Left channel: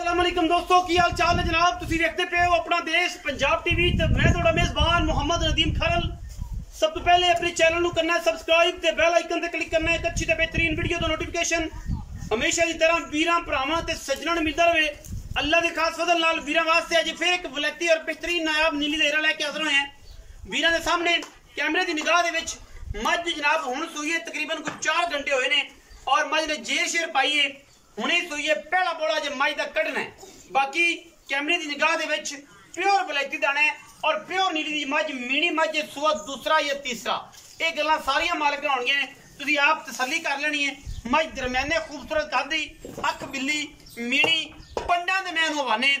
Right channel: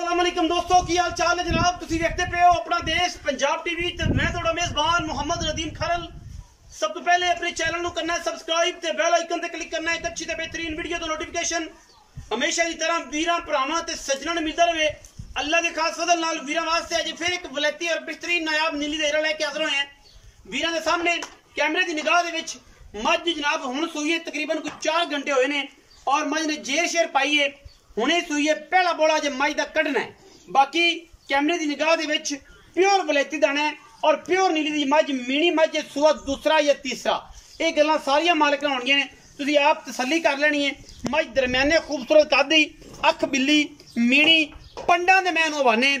अस्सलामुअलैकुम दोस्तों की हाल चाल है जनाब। तुसी देखते पे हो अपना देश पंजाब टीवी ते मैं थोड़ा मेजबान मोहम्मद नदीम खरल। सब तो पहले अपने चैनल नु करना है सब्सक्राइब ते बेल आइकन ते क्लिक करना है एक अच्छी ते बेहतरीन वीडियो तो नोटिफिकेशन हमेशा की तरह वीरां भरावां ते सज्जणां नूं मिलदा रहे। अल्लाह के खास फजल नाल वीरां वास्ते अज फिर एक वलैती और बेहतरीन नायाब नीली देरा लेके हाजिर होए हैं। वीरां दे सामने कैमरे की निगाह दे विच मझ जनाब हुण सूई तकरीबन कुछ 4 घंटे होए ने और मझ ने जेर शेर पाई है हुणे सूईए पहला बोला जो मझ का कढ़ना है। बाकी कैमरे की निगाह दे विच प्योर वलैती दाना है और प्योर नीली दी मझ मीनी मझ सूआ दूसरा या तीसरा ये गल्लां सारियां मालिक नाल होणगियां ने। तुसीं आप तसल्ली कर लेनी है। मझ दरम्याने खूबसूरत कादी अख बिल्ली मीनी पंडा दे मैं हवाने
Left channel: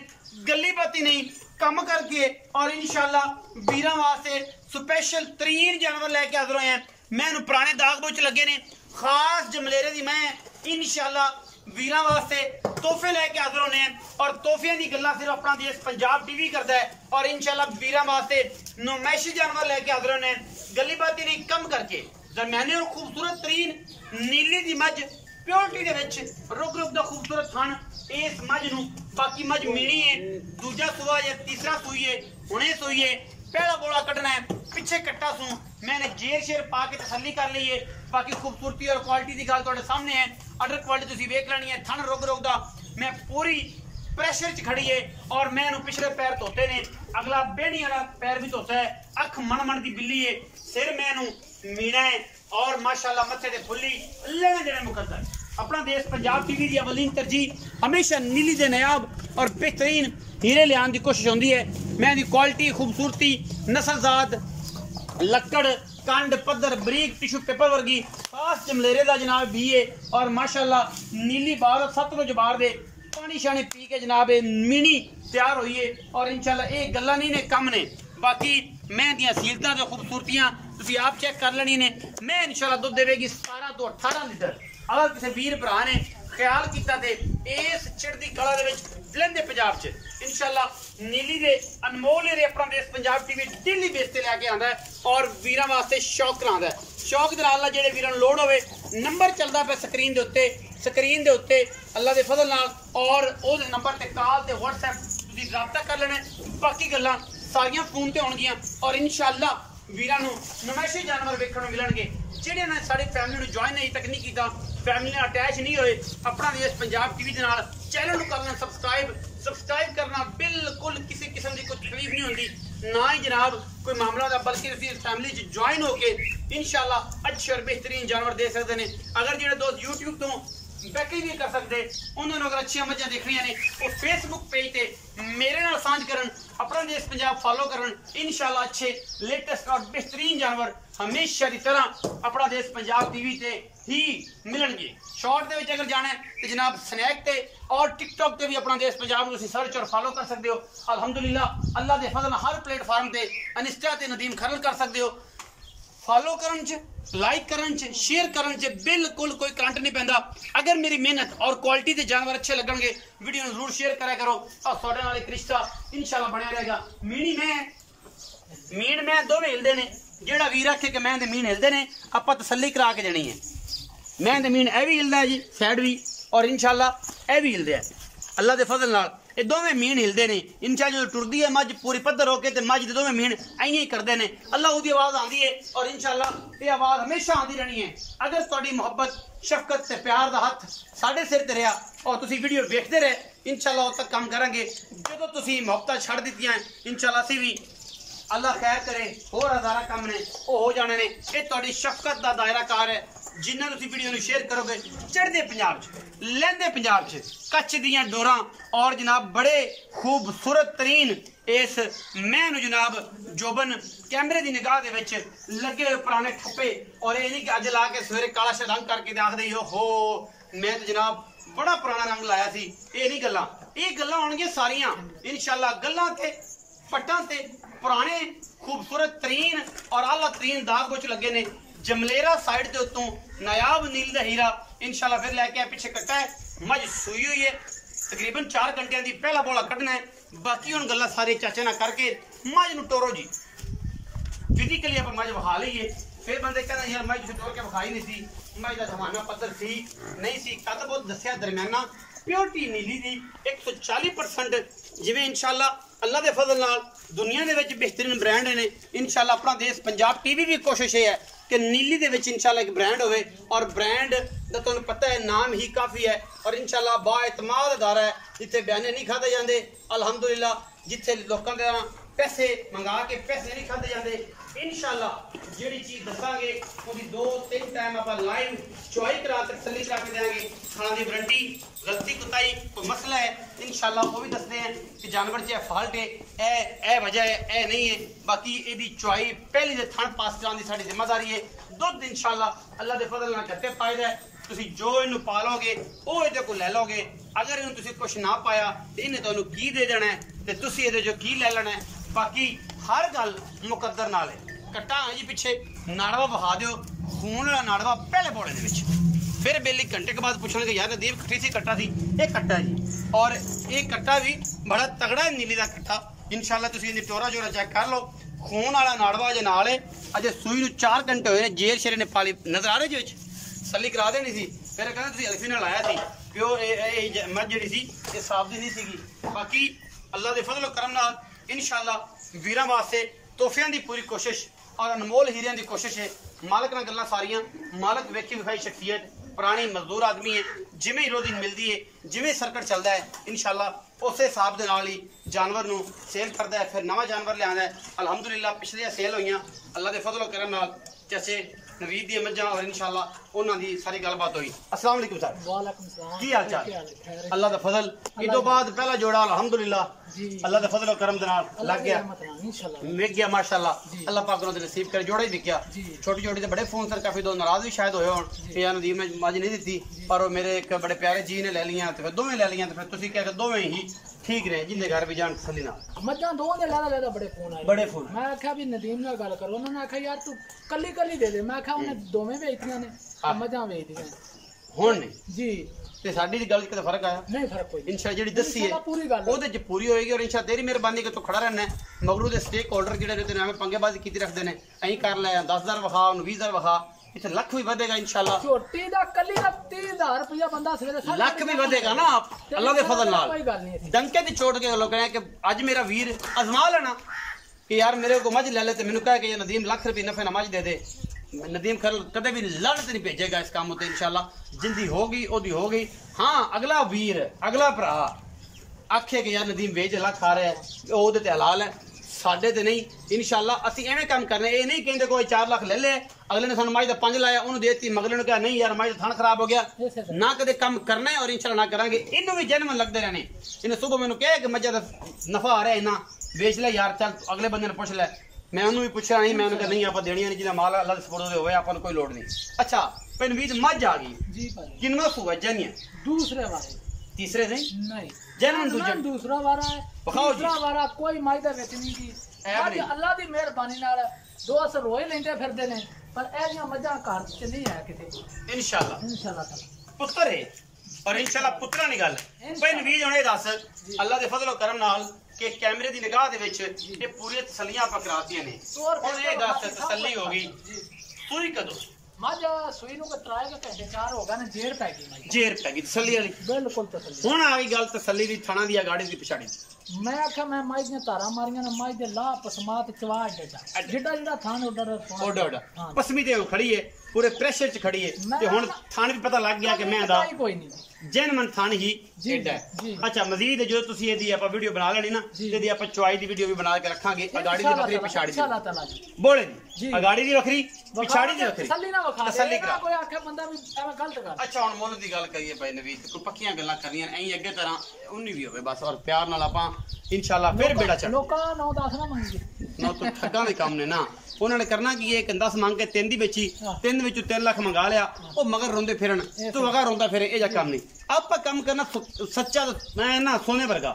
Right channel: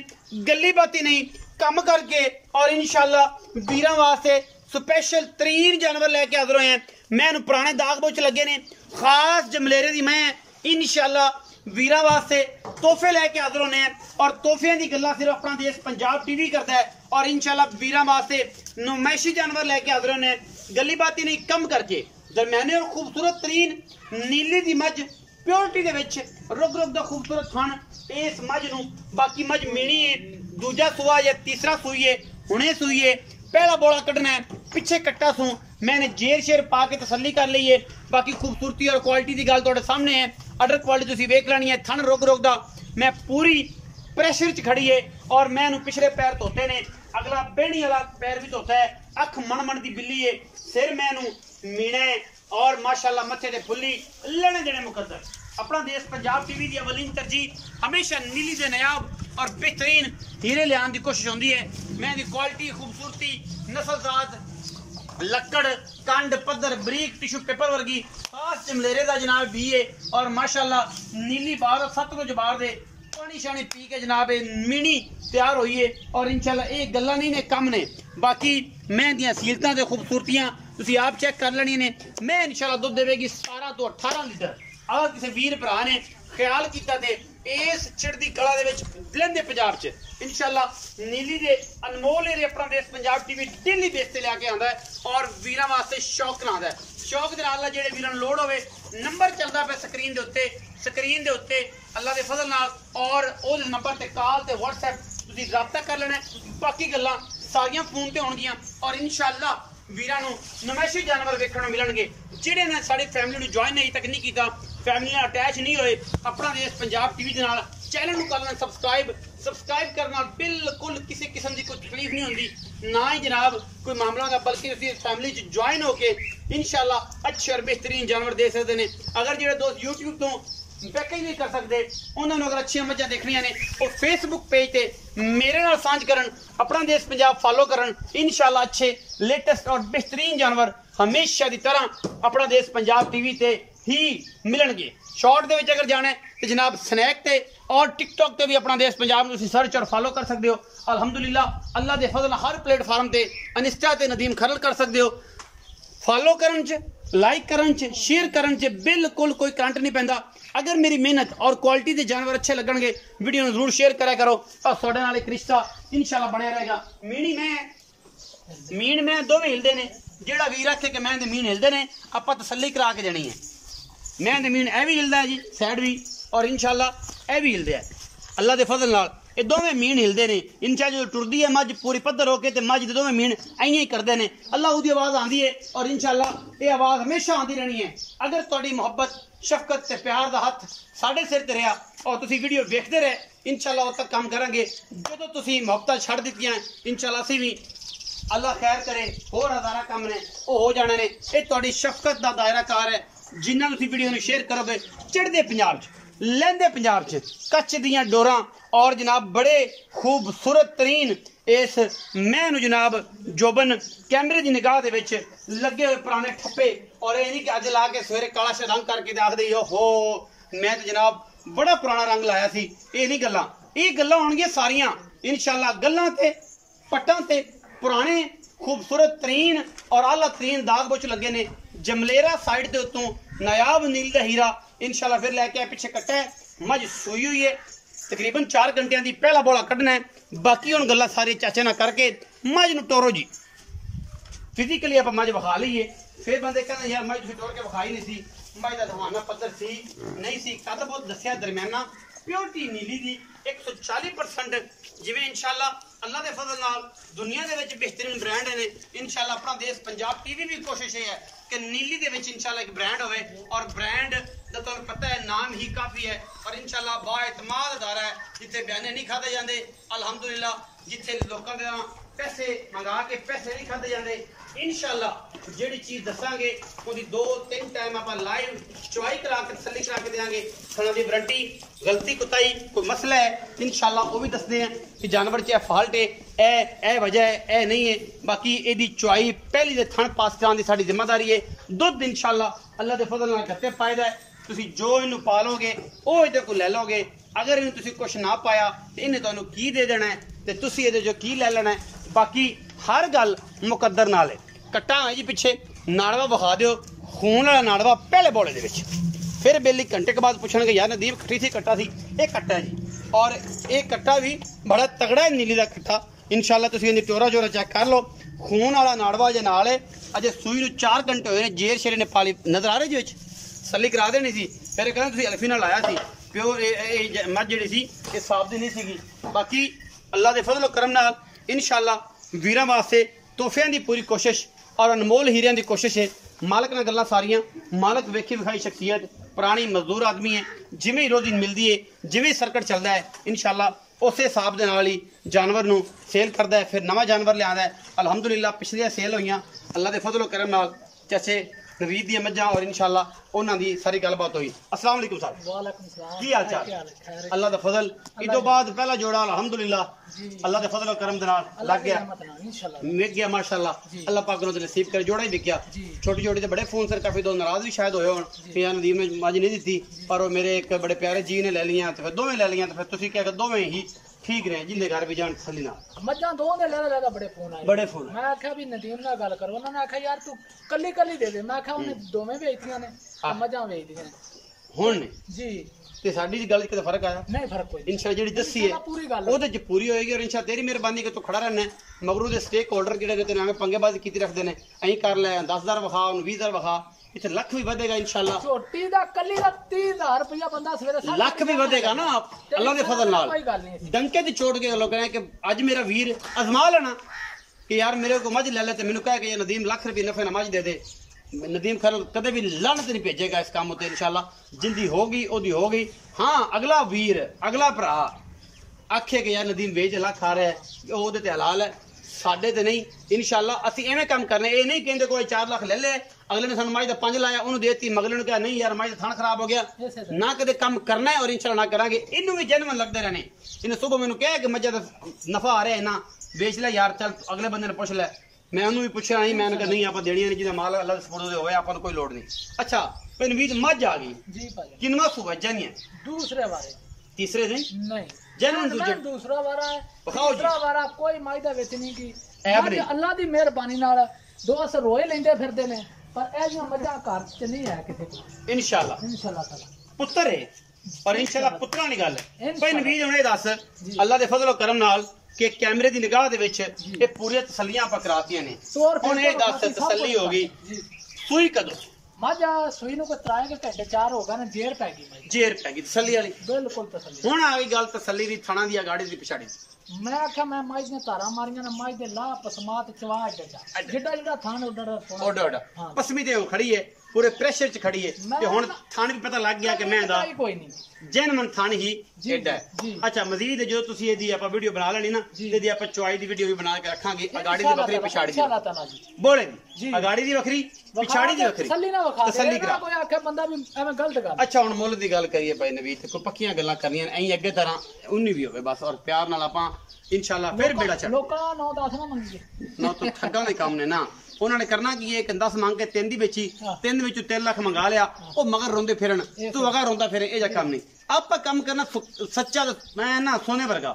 गली बाती नहीं कम करके और इंशाअल्लाह वीरां वास्ते स्पेशल तरीन जानवर लैके हाजिर होए हैं। मैं पुराने दाग बोच लगे ने खास जमलेरे दी मैं इंशाअल्लाह वीरां वास्ते तोहफे लैके हाजिर होने हैं और तोहफियां दी गल्लां सिर्फ अपना देश पंजाब टीवी करता है और इंशाअल्लाह वीरां वास्ते नुमाइशी जानवर लैके हाजिर होने हैं गली बाती नहीं कम करके दरम्याने और खूबसूरत तरीन नीली दी मझ प्योरिटी दे विच रुग रुग दा खूबसूरत थन इस मझ नूं। बाकी मझ मीणी है दूजा सूआ या तीसरा सूई है हुणे सूई है पहला बोला कटना है पिछे कट्टा सूं मैंने जेर शेर पा के तसल्ली कर ली है। बाकी खूबसूरती और क्वालिटी की गल तुहाडे सामने है। अडर क्वालिटी तुसीं वेख लैनी है थन रुग रुग दा मैं पूरी प्रेशर च खड़ी है और मैं पिछले पैर धोते ने अगला बेहनी वाला पैर भी धोता है। अख मन मन की बिल्ली है सिर मैनू मीना है और माशाअल्लाह मत्थे ते फुल्ली लेने देने मुकद्दर। अपना देश पंजाब टीवी की अवलीन तरजीह हमेशा नीली दे नायाब और बेहतरीन हीरे लियान की कोशिश होती है। मैं दी क्वालिटी खूबसूरती नस्लजात लक्कड़ कंड पद्धर बरीक टिशू पेपर वर्गी खास जमलेरे का जनाब भी है और माशाअल्लाह नीली बार सतलुज बार दे पानी शानी पी के जनाब मीनी तैयार हुई है और इंशाअल्लाह ये गल्लां नहीं ने कम ने। बाकी मैं दी असीलतां ते खूबसूरतियां तुसीं आप चेक कर लेनी ने। मैं इंशाअल्लाह दुध देवेगी 17 तो 18 लीटर। अगर किसी वीर भरा ने ख्याल किया ते इस चढ़दी कला दे विच लहंदे पंजाब च इंशाअल्लाह नीली दे अनमोल एरे अपना देश पंजाब टीवी डेली बेस ते लैके आंदा है और वीरां वास्ते शौक करांदा है। शौक दे नाल जेहड़े वीरां नूं लोड़ होवे नंबर चलदा पे स्क्रीन दे उत्ते अल्लाह दे फजल नाल और उस नंबर ते कॉल ते व्हाट्सएप तुसीं राबता कर लेना। बाकी गल्लां सारियां फोन ते होणगियां और इंशाअल्लाह वीरां नूं नुमाइशी जानवर वेखण नूं मिलणगे जिहड़े ने साडी फैमिली नूं ज्वाइन अजे तक नहीं कीता फैमिली नाल अटैच नहीं होए अपना देश पंजाब टीवी दे नाल चैनल नूं करना सब्सक्राइब करना बिल्कुल किसी किस्म की कोई तकलीफ नहीं होंदी ना ही जनाब कोई मामला होता बल्कि उसी फैमिली च ज्वाइन होके इंशाअल्लाह अच्छे और बेहतरीन जानवर दे सकते हैं। अगर जो दोस्त यूट्यूब तो बैकिंग नहीं कर सकते उन्होंने अगर अच्छी मझां देखनियां ने वो फेसबुक पेज ते मेरे नाल सांझ करन अपना देश पंजाब फॉलो करन इंशाअल्लाह अच्छे लेटेस्ट और बेहतरीन जानवर हमेशा की तरह अपना देश पंजाब टीवी ते ही मिलणगे। शॉर्ट दे विच अगर जाना है तो जनाब स्नैक ते और टिकटॉक ते भी अपना देश पंजाब तुसीं सर्च और फॉलो कर सकते हो। अल्हम्दुलिल्लाह अल्लाह दे फजल हर प्लेटफॉर्म ते इंस्टा ते नदीम खरल कर सकते हो। फॉलो करन च लाइक करन च शेयर करन च बिल्कुल कोई करंट नहीं पैंदा। अगर मेरी मेहनत और क्वालिटी के जानवर अच्छे लगणगे वीडियो नूं जरूर शेयर करा करो और तुहाडे नाल एक रिश्ता इंशाअल्लाह बनिया रहेगा। मीन मैं दोवें हिलदे ने जेड़ा वीर आखे कि मैं मीन हिलदे ने आपां तसल्ली करा के देनी है। मैं मीन ए भी हिलदा है जी साइड भी और इंशाअल्लाह ए भी हिलदे है अल्लाह दे फजल नाल ये दोवें मीन हिलदे ने। इंशाअल्लाह जो टुरदी है मझ पूरी पद्धर होके ते मझ दे दोवें मीन इयां ही करदे ने अल्लाह उहदी आवाज़ आंदी है और इंशाअल्लाह ये आवाज़ हमेशा आंदी रहनी है। अगर तुहाडी मुहब्बत शफकत ते प्यार दा हत्थ साडे सिर ते रहा और तुसीं वीडियो वेखदे रहे इंशाअल्लाह उद तक काम करांगे। जदों तुसीं मुहब्बतां छड्ड दित्तियां इंशाअल्लाह असीं भी अल्लाह खैर करे होर हज़ारा काम ने वो हो जाने ने। ये तुहाडी शफकत दा दायरा कार है जिन्ना तुसीं वीडियो नूं शेयर करोगे चढ़दे पंजाब च लहंदे पंजाब च कच्छ दियां डोरां और जनाब बड़े खूबसूरत तरीन इस मैं नूं जनाब जोबन कैमरे की निगाह दे विच लगे हुए पुराने ठप्पे और ये नहीं कि अज ला के सवेरे काला शा रंग करके आख दे हो मैं तो जनाब बड़ा पुराना रंग लाया सी। ये नहीं गल्लां ये गल्लां होणगियां सारियां इंशाअल्लाह गल्लां ते पट्टां ते पुराने खूबसूरत तरीन और आला तरीन दाग बोच लगे ने। जमलेरा साइड के उत्तों नायाब नील दा हीरा इंशाअल्लाह फिर लैके पिछे कट्टा है मझ सूई हुई है तकरीबन 4 घंटिया की पहला बोला कढ़ना है। बाकी हुण गल्लां सारे चाचे ना करके मझ नूं टोरो जी फिजिकली आप मझ विखा लीए फिर बंदे कहते यार मझ तुसीं टोर के विखाई नहीं सी मझ का जमाना पद्धर सी नहीं सी कद बहुत दसिया दरम्याना प्योरिटी नीली दी 140% जिवें इंशाल्लाह अल्लाह के फजल नाल दुनिया दे विच बेहतरीन ब्रांड ने इंशाल्लाह अपना देश पंजाब टीवी भी कोशिश है कि नीली दे विच इंशाल्लाह एक ब्रांड होवे और ब्रांड दा तुहानूं पता है नाम ही काफ़ी है और इंशाल्लाह बाएतमाद अदारा है जिथे बयाने नहीं खाते जाते अलहमदुलिल्लाह जिथे लोगों के पैसे मंगा के पैसे नहीं खाते जाते इंशाल्लाह जिहड़ी चीज़ दसांगे उसकी 2-3 टाइम आप लाइव चुआई करा के तसल्ली करा के देंगे खाना की वारंटी गलती कुताई कोई मसला है इंशाल्लाह वो भी दसते हैं कि जानवर च फॉल्ट है ए वजह है ए नहीं है बाकी एदी चुआई पहली दे थण पास कराने की साडी जिम्मेदारी है दुध इंशाल्लाह अल्लाह के फजल नाल घट्टे पायदा है तुसी जो इनू पालोगे वो इहदे को लै लोगे अगर इन्हू तुसी कुछ ना पाया तो इन्हें तुहानू की दे देना है तो तुसी इहदे जो की लै लेना है बाकी हर गल मुकद्दर नाल है कट्टा है जी पिछे नाड़वा विखा दिओ खून वाला नाड़वा पहले बोले दे विच फिर बेली घंटे के बाद पूछणगे यार नदीम खट्टी सी कट्टा सी ये कट्टा है जी और ये कट्टा भी बड़ा तगड़ा है नीली दा कट्टा इंशाल्लाह तुसी इहदी टोरा जोरा चेक कर लो खून वाला नाड़वा जे नाल है अजे सूई नूं 4 घंटे होए ने जेर शेरे ने पाली नजर आ रहे जी विच सली करा देनी सी फिर कहंदे तुसी अल्फी नाल आया सी प्योर मझ जिहड़ी सी ये साफ दी नहीं सीगी बाकी अल्लाह दे फजल करम नाल इंशाल्लाह वीरां वास्ते तोहफियां दी पूरी कोशिश और अनमोल हीरियां दी कोशिश है मालक नाल गल्लां सारियां मालक वेखी विखाई शख्सियत पुरानी मजदूर आदमी है जिवें रोजी मिलती है जिवें सर्कट चलता है इंशाल्लाह उस हिसाब के नाल ही जानवर नूं सेल करता है फिर नवा जानवर लिया अलहमदुलिल्लाह पिछलियां सेल हुई अल्लाह के फजल करम नाल जैसे नवीद दी मज्जां और इंशाल्लाह उन्हां दी सारी गलबात हुई अस्सलाम वालेकुम सर वालेकुम सलाम की हाल चाल अल्लाह दा फजल इदो बाद पहला जोड़ा अल्हम्दुलिल्लाह अल्लाह दे फजल और करम दे नाल लग गया इंशाल्लाह मिल गया माशाल्लाह अल्लाह पाक ने नसीब कर जोड़ा ही दिखया छोटी छोटी ते बड़े फोन सर काफी दो नाराज भी शायद होए होण कि यार नदीम में मज नहीं दी पर मेरे एक बड़े प्यारे जी ने ले लिया ते फिर दोवें ले लिया ते फिर तुसी कह के दोवें ही ठीक रहे जिंदे घर भी जान तसल्ली नाल मज्जां दो ने लेदा बड़े फोन आए बड़े फोन मैं आख्या भी नदीम नाल गल करो उन्होंने आख्या यार तू कल्ली कल्ली दे दे मैं आख्या उन्हें दोवें बेचदियां ने मज्जां बेचदियां हुण जी ते साडी दी गल च किते फर्क आया नहीं फर्क कोई इंशाल्लाह जेडी दसी है पूरी गल ओदे च पूरी होएगी और इंशाल्लाह तेरी मेहरबानी के तू खड़ा रहना है मगरू दे स्टेक होल्डर जेडे ते नामे पंगेबाजी कीती रखदे ने अहीं कर ले 10000 वखा 20000 वखा इथे लाख भी बढ़ेगा इंशाल्लाह छोटी दा कल्ली दा 30000 रुपया बंदा सवेरे लाख भी बढ़ेगा ना अल्लाह के फजल नाल डंके दी चोट के लोग कहे कि आज मेरा वीर आजमा लेना कि यार मेरे को मज ले ले ते मेनू कहे कि नदीम लाख रुपये नफे ना मज दे दे नदीम खैर कदे भी लानत नहीं भेजेगा इस काम उत्ते इंशाल्लाह जिंदी होगी ओदी होगी हां अगला वीर अगला भरा आखे कि यार नदीम वेच लाख आ रहा है ओदे ते हलाल है साडे ते नहीं इंशाल्लाह असी एवें काम करने ये नहीं कहते कोई 4 लाख ले ले अगले ने सानू मज दा 5 लाया उन्होंने देती मगले ने कहा नहीं यार मज थान खराब हो गया ना कदे काम करना है और इंशाल्लाह ना करांगे इन्नू भी जन्म लगते रहने इन्हें सुबह मैनू कहे कि मज्जा दा नफा आ रहा है ना बेच ले यार चल अगले बंदे ने पूछ ले मैं उन्होंने भी पूछा नहीं मैं नहीं आप देनिया नहीं जिन्हें माल अल्लाह सपोर्ट होवे आपको कोई लोड़ नहीं अच्छा फिर नवीद मज आ गई जी भाई किनवा सुबह जनिया दूसरे बारे तीसरे दिन नहीं जन्म दूसरा वारा है बखाओ जी दूसरा वारा कोई मायदा बेचनी की अल्लाह दी मेहरबानी नाल दो असर रोए लेंदे फिरदे ने पर ए जियां मजा घर च नहीं है किथे इंशाल्लाह ताला पुत्र है और इंशाल्लाह पुत्रा दी गल भाई नवीद हुणे दस अल्लाह दे फजल और करम नाल कि कैमरे दी निगाह दे विच ये पूरी तसल्लियां आप करातियां ने हुण ए दस तसल्ली होगी सूई कदों मजा सूई नु को त्राए के घंटे 4 होगा ना जेर पैगी जेर पैगी तसल्ली वाली बिल्कुल तसल्ली हुण आ गई गल तसल्ली दी थाना दी गाड़ी दी पिछाड़ी मैं आख्या मैं माई दियां तारा मारियां ना माई दे ला पसमात चवा जिड्डा थान ओडा पसमी ते खड़ी है पूरे प्रेशर च खड़ी है ते हुण थान भी पता लग गया कि मैं दा कोई नहीं जैन मन थान ही एडा है अच्छा मजीद जो तुसी एदी आपा वीडियो बना लेनी ना एदी आपा चुआई दी वीडियो भी बना के रखांगे गाड़ी दी बकरी पिछाड़ी दी बोले दी गाड़ी दी बकरी पिछाड़ी दी बकरी तसल्ली ना वखा तसल्ली करा कोई आखे बंदा भी एवें गलत कर अच्छा हुण मुੱਲ दी गल करिए भाई नवीद कोई पक्कियां गल्लां करनियां ऐं अगे तरह उन्नी भी होवे बस और प्यार नाल आपा इंशाल्लाह फिर बेड़ा चढ़ लोकां 9-10 ना मंगिए ना तो ठग्गां दे काम ने ना उन्होंने करना की एक 10 मांग के 3 दी बेची 3 विचों 3 लाख मंगा लिया वो मगर रोंदे फिरन तू अगा रोंदा फिरे ए जा काम नहीं आप काम करना सच्चा मैं ना सोने वर्गा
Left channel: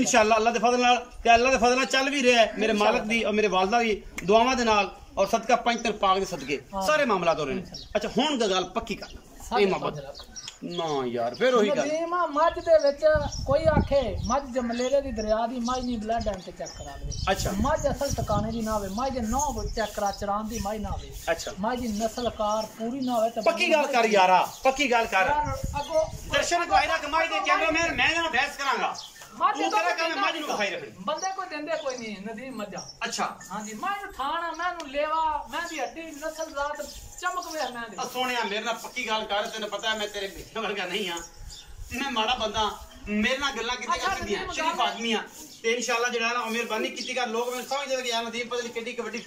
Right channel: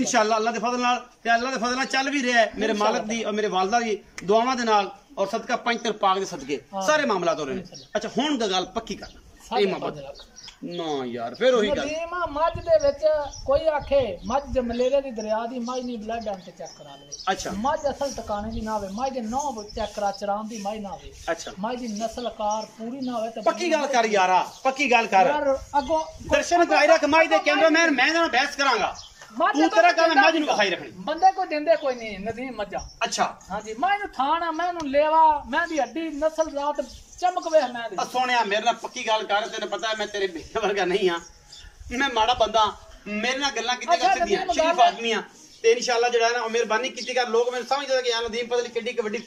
इंशाल्लाह अल्लाह दे फजल नाल ते अल्लाह दे फजल नाल चल भी रहा है मेरे मालिक दी और मेरे वालदा दी दुआवां दे नाल और सदका पंच पाक दे सदके सारे मामलात हो रहे हैं अच्छा हुण दी गल पक्की करना ਇਹ ਮੁਹੱਬਤ ਨਾ ਯਾਰ ਫਿਰ ਉਹੀ ਗੱਲ ਨਦੀਮਾ ਮੱਝ ਦੇ ਵਿੱਚ ਕੋਈ ਆਖੇ ਮੱਝ ਜਮਲੇਰੇ ਦੀ ਦਰਿਆ ਦੀ ਮੱਝ ਨਹੀਂ ਬਲੱਡ ਐਂਡ ਤੇ ਚੈੱਕ ਕਰਾ ਲਵੇ। ਅੱਛਾ ਮੱਝ ਅਸਲ ਟਿਕਾਣੇ ਦੀ ਨਾ ਹੋਵੇ, ਮੱਝ ਦੇ ਨੌ ਚੈੱਕ ਕਰਾ ਚਰਾਂ ਦੀ ਮੱਝ ਨਾ ਹੋਵੇ। ਅੱਛਾ ਮੱਝ ਦੀ ਨਸਲਕਾਰ ਪੂਰੀ ਨਾ ਹੋਵੇ ਤਾਂ ਪੱਕੀ ਗੱਲ ਕਰ ਯਾਰਾ, ਪੱਕੀ ਗੱਲ ਕਰ ਯਾਰ ਅੱਗੋਂ ਦਰਸ਼ਨ ਕਰਾਈ ਰੱਖ ਮੱਝ ਦੇ ਕੈਮਰਾਮੈਨ ਮੈਂ ਨਾਲ ਬਹਿਸ ਕਰਾਂਗਾ ਤੂੰ ਤੇਰਾ ਗੱਲ ਮੱਝ ਨੂੰ ਵਿਖਾਈ ਰੱਖਣੀ ਬੰਦੇ ਕੋਈ ਦਿੰਦੇ ਕੋਈ ਨਹੀਂ ਨਦੀਮ ਮੱਝਾਂ। ਅੱਛਾ ਹਾਂਜੀ ਮੈਂ ਨੂੰ ਥਾਣਾ ਮੈਂ ਨੂੰ ਲੇਵਾ ਮੈਂ ਦੀ ਹੱਡੀ ਨਸਲ ਰਾਤ ਚਮਕ ਵੇ ਮੈਂ ਦੀ ਸੋਹਣਿਆ ਮੇਰੇ ਨਾਲ ਪੱਕੀ ਗੱਲ ਕਰ ਤੈਨੂੰ ਪਤਾ ਮੈਂ ਤੇਰੇ ਬੇਟੇ ਵਰਗਾ ਨਹੀਂ ਆ ਮੈਂ ਮਾੜਾ ਬੰਦਾ ਮੇਰੇ ਨਾਲ ਗੱਲਾਂ ਕੀਤੀਆਂ ਕਰ ਸਕਦੀਆਂ ਸ਼ਰੀਫ ਆਦਮੀ ਆ ਤੇ ਇਨਸ਼ਾਅੱਲਾ ਜਿਹੜਾ ਨਾ ਮਿਹਰਬਾਨੀ ਕੀਤੀ ਕਰ ਲੋਕ ਮੈਨੂੰ ਸਮਝਦੇ ਕਿ ਯਾਰ ਨਦੀਮ ਪਤਾ ਨਹੀਂ ਕਿੱਡੀ ਵੱਡੀ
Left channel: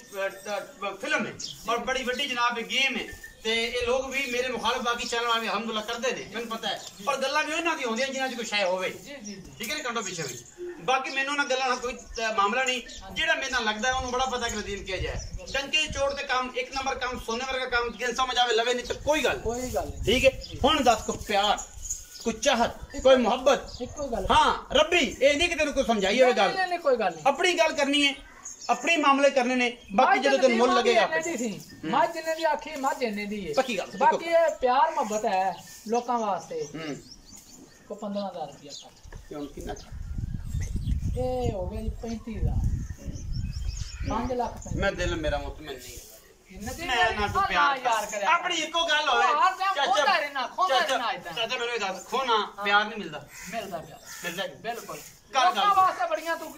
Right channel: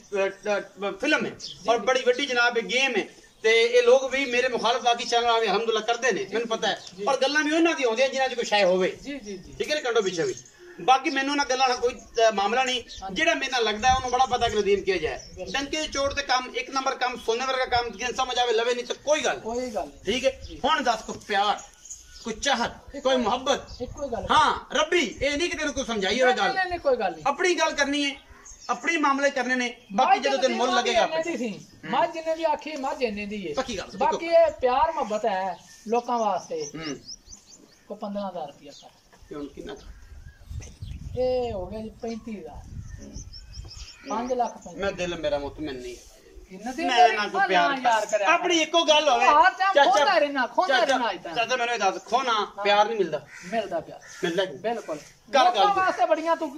ਫਿਲਮ ਹੈ ਔਰ ਬੜੀ ਵੱਡੀ ਜਨਾਬ ਗੇਮ ਹੈ ਤੇ ਇਹ ਲੋਕ ਵੀ ਮੇਰੇ ਮੁਖਾਲਫ ਬਾਕੀ ਚੈਨਲ ਵਾਲੇ ਅਲਹਮਦੁਲਿਲਾ ਕਰਦੇ ਨੇ ਮੈਨੂੰ ਪਤਾ ਹੈ ਔਰ ਗੱਲਾਂ ਵੀ ਉਹਨਾਂ ਦੀ ਹੁੰਦੀਆਂ ਜਿਨ੍ਹਾਂ 'ਚ ਕੋਈ ਸ਼ੈ ਹੋਵੇ ਜੀ ਜੀ ਜੀ ਠੀਕ ਹੈ ਨਾ ਕੰਡੋ ਪਿੱਛੇ ਵੀ ਬਾਕੀ ਮੈਨੂੰ ਨਾ ਗੱਲਾਂ ਨਾਲ ਕੋਈ ਮਾਮਲਾ ਨਹੀਂ ਜਿਹੜਾ ਮੇਰੇ ਨਾਲ ਲੱਗਦਾ ਉਹਨੂੰ ਬੜਾ ਪਤਾ ਕਿ ਨਦੀਮ ਕਿਹਾ ਜਾਏ ਡੰਕੇ ਚੋੜ ਤੇ ਕੰਮ ਇੱਕ ਨੰਬਰ ਕੰਮ ਸੋਨੇ ਵਰਗਾ ਕੰਮ ਜਿੰਨ ਸਮਝ ਆਵੇ ਲਵੇ ਨਹੀਂ ਤੇ ਕੋਈ ਗੱਲ ਠੀਕ ਹੈ ਹੁਣ ਦੱਸ ਕੋ ਪਿਆਰ ਕੋਈ ਚਾਹਤ ਕੋਈ ਮੁਹੱਬਤ ਇੱਕੋ ਗੱਲ ਹਾਂ ਰੱਬੀ ਇਹ ਨਹੀਂ ਕਿ ਤੈਨੂੰ ਕੋਈ ਸਮਝਾਈ ਹੋਵੇ ਗੱਲ ਨਹੀਂ ਕੋਈ ਗੱਲ ਨਹੀਂ ਆਪਣੀ ਗੱਲ ਕਰਨੀ ਹੈ अपने मामले करने ने बाकी ਜਦੋਂ ਤੈਨੂੰ ਮੁੱਲ ਲੱਗੇਗਾ ਮੱਝ ਜਿੰਨੇ ਦੀ ਆਖੀ ਮੱਝ ਇੰਨੇ ਦੀ ਹੈ ਪੱਕੀ ਗੱਲ ਬਾਕੀ ਇਹ ਪਿਆਰ ਮੁਹੱਬਤ ਹੈ ਲੋਕਾਂ ਵਾਸਤੇ ਕੋ 15000 ਰੁਪਇਆ ਕੱਟ ਹੁਣ ਕਿੰਨਾ ਇਹ ਹੋ ਗਿਆ ਜੀ 35000 5 ਲੱਖ ਮੈਂ ਦਿਲ ਮੇਰਾ ਮੁਤਮਿਨ ਨਹੀਂ ਮੈਂ ਨਾ ਕੋ ਪਿਆਰ ਆਪਣੀ ਇੱਕੋ ਗੱਲ ਹੋਵੇ ਖੋਦਾ ਰਹਿਣਾ ਚਾਚਾ ਮੈਨੂੰ ਇਹ ਦੱਸ ਖੋਣਾ ਪਿਆਰ ਨਹੀਂ ਮਿਲਦਾ ਮਿਲਦਾ ਬਿਲਕੁਲ ਗੱਲ ਵਾਸਤੇ ਬੜੀਆਂ ਤੂੰ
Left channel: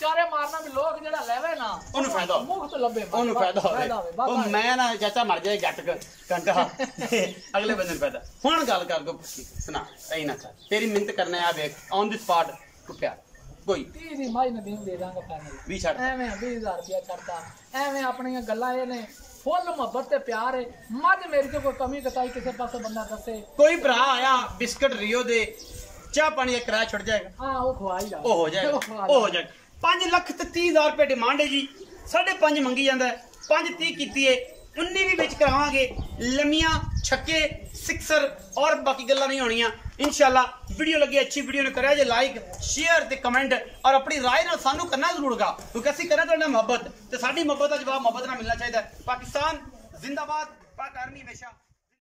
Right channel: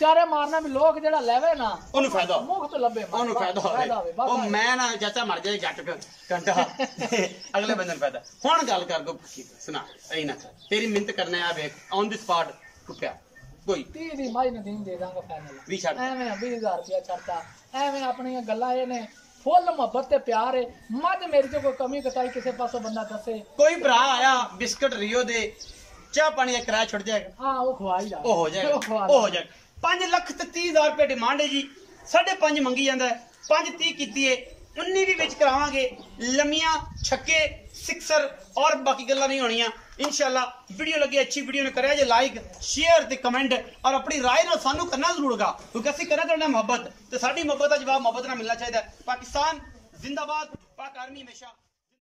ਚਾਰੇ ਮਾਰਨਾ ਵੀ ਲੋਕ ਜਿਹੜਾ ਲੈਵੇ ਨਾ ਉਹਨੂੰ ਫਾਇਦਾ ਮੁਫਤ ਲੱਭੇ ਉਹਨੂੰ ਫਾਇਦਾ ਹੋਵੇ ਉਹ ਮੈਂ ਨਾ ਚਾਚਾ ਮਰ ਜਾਏ ਗੱਟ ਘੰਟਾ ਅਗਲੇ ਬੰਦੇ ਨੂੰ ਫਾਇਦਾ ਹੁਣ ਗੱਲ ਕਰ ਦੋ ਸੁਣਾ ਐ ਨਾ ਕਰ ਤੇਰੀ ਮਿਹਨਤ ਕਰਨਾ ਆ ਵੇਖ ਔਨ ਦੀ ਸਪਾਟ ਕੋ ਪਿਆਰ ਕੋਈ 30 ਦੀ ਮਾਈ ਨਦੀਮ ਦੇ ਦਾਂਗਾ ਫਾਈਨਲ ਵੀ ਛੱਡ ਐਵੇਂ 20000 ਰੁਪਇਆ ਛੱਡਦਾ ਐਵੇਂ ਆਪਣੀਆਂ ਗੱਲਾਂ ਇਹ ਨੇ ਫੁੱਲ ਮੁਹੱਬਤ ਤੇ ਪਿਆਰ ਹੈ ਮੱਝ ਮੇਰੀ ਤੇ ਕੋਈ ਕਮੀ ਕਤਾਈ ਕਿਸੇ ਪਾਸੋਂ ਬੰਦਾ ਦੱਸੇ ਕੋਈ ਭਰਾ ਆਇਆ ਬਿਸਕਟ ਰਿਓ ਦੇ ਚਾਹ ਪਾਣੀ ਦਾ ਕਿਰਾਇਆ ਛੁੱਟ ਜਾਏਗਾ ਹਾਂ ਉਹ ਖਵਾਈ ਜਾ ਉਹ ਹੋ ਜਾਏਗਾ 5 ਲੱਖ ਤੇ 30,000 ਰੁਪਏ ਡਿਮਾਂਡ ਹੈ ਜੀ 5.5 ਮੰਗੀ ਜਾਂਦਾ 5.30 ਕੀਤੀ ਹੈ 19 ਵੀ ਵਿੱਚ ਕਰਾਵਾਂਗੇ ਲੰਮੀਆਂ ਛੱਕੇ ਸਿਕਸਰ ਔਰ ਬਾਕੀ ਗੱਲਾਂ ਨਹੀਂ ਹੋਣੀਆਂ इंशाल्लाह वीडियो लगी अच्छी वीडियो ने करें जे लाइक शेयर ते कमेंट और अपनी राय ना सानू करना जरूर होगा क्योंकि असं करना तो मोहब्बत तो साडी मोहब्बत का जवाब मोहब्बत ना मिलना चाहिए। पाकिस्तान जिंदाबाद, पाक आर्मी हमेशा